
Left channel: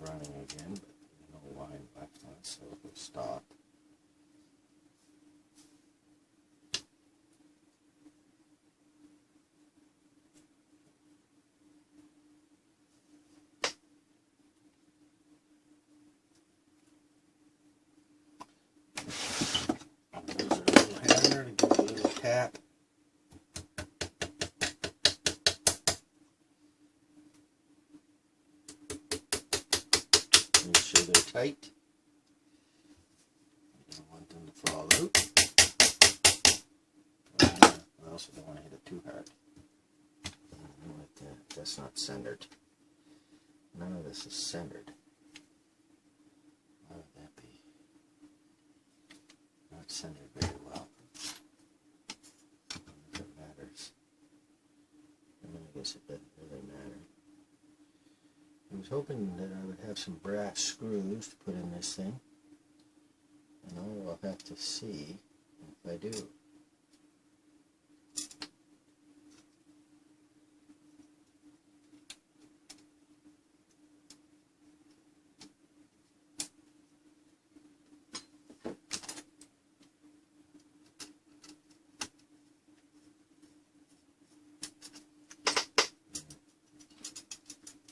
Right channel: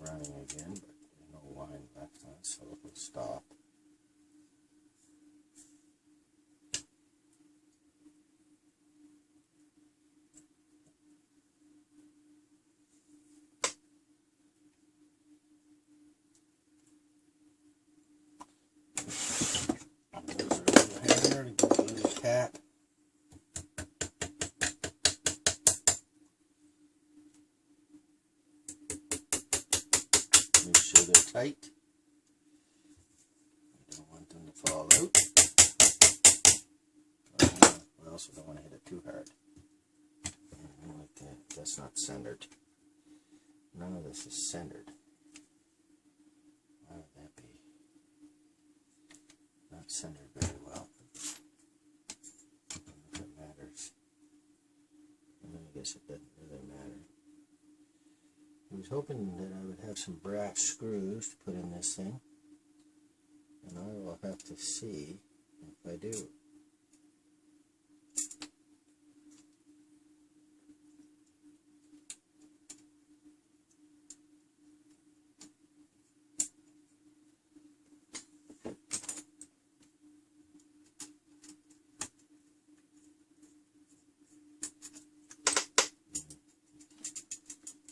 Running again, but there's no line left on it, so it'll stop. There's a little hammer to give it a little tap. Make sure they're tight. You don't want them to fall out. I also don't want to hit it too hard. Like that. That's not centered. None of this is centered. Why would that be? Not centered very well. I don't know if it matters. I mean, I guess it doesn't really matter. I was hoping that I would have some brass screws to put in this thing, and I will have to see if I do.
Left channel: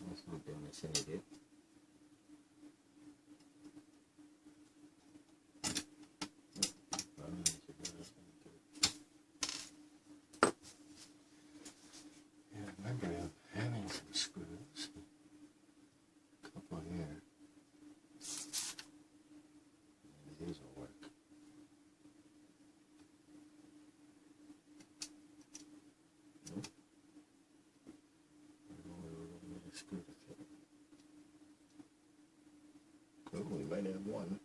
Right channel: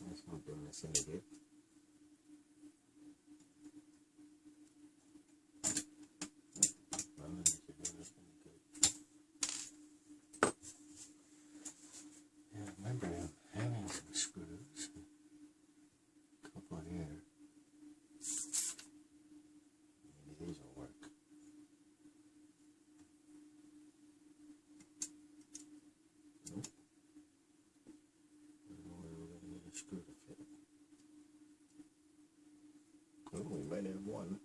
That's not doing this any good. Yeah, I remember having some screws. A couple here. Maybe these will work. Nope. I don't know where we're going to get a screw to fit. Oh, we might have one.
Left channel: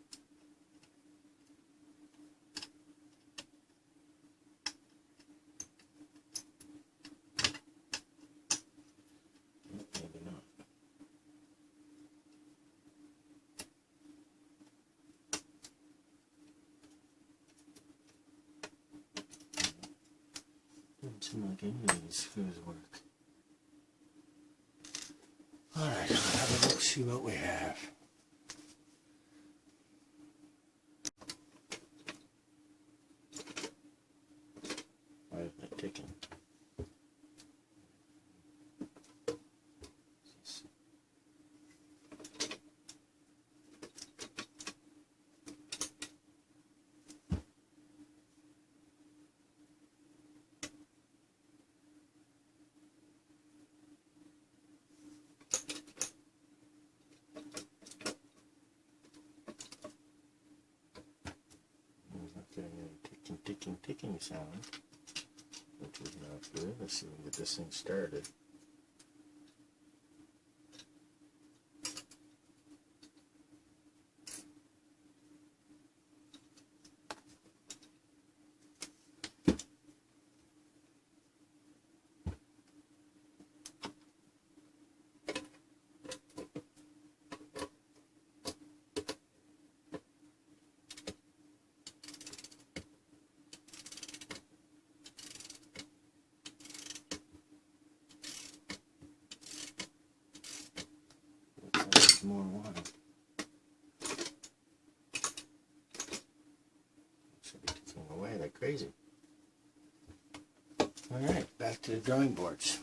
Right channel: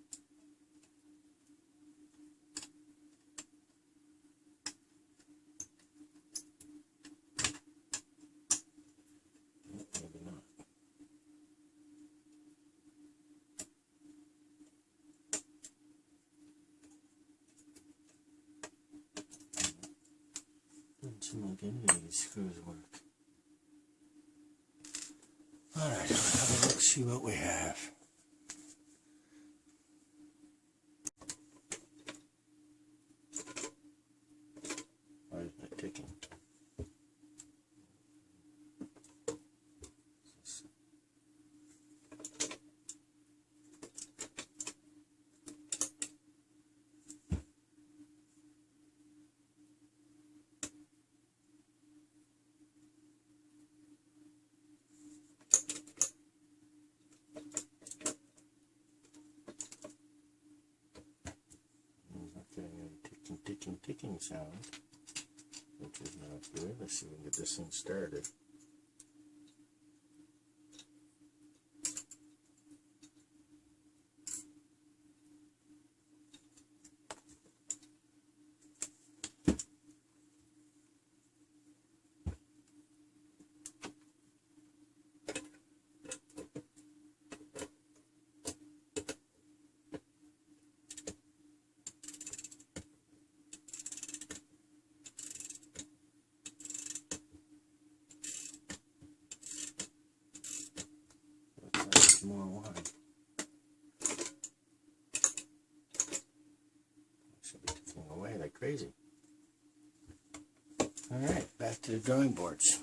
Maybe not. Doesn't seem like any of these screws work. Alright, let's see what we have. Why is that ticking? ticking sound, which is not good. Let's see if we can get this thing started. More wine. Should be ticking away like crazy. Alright, back to the drawing boards.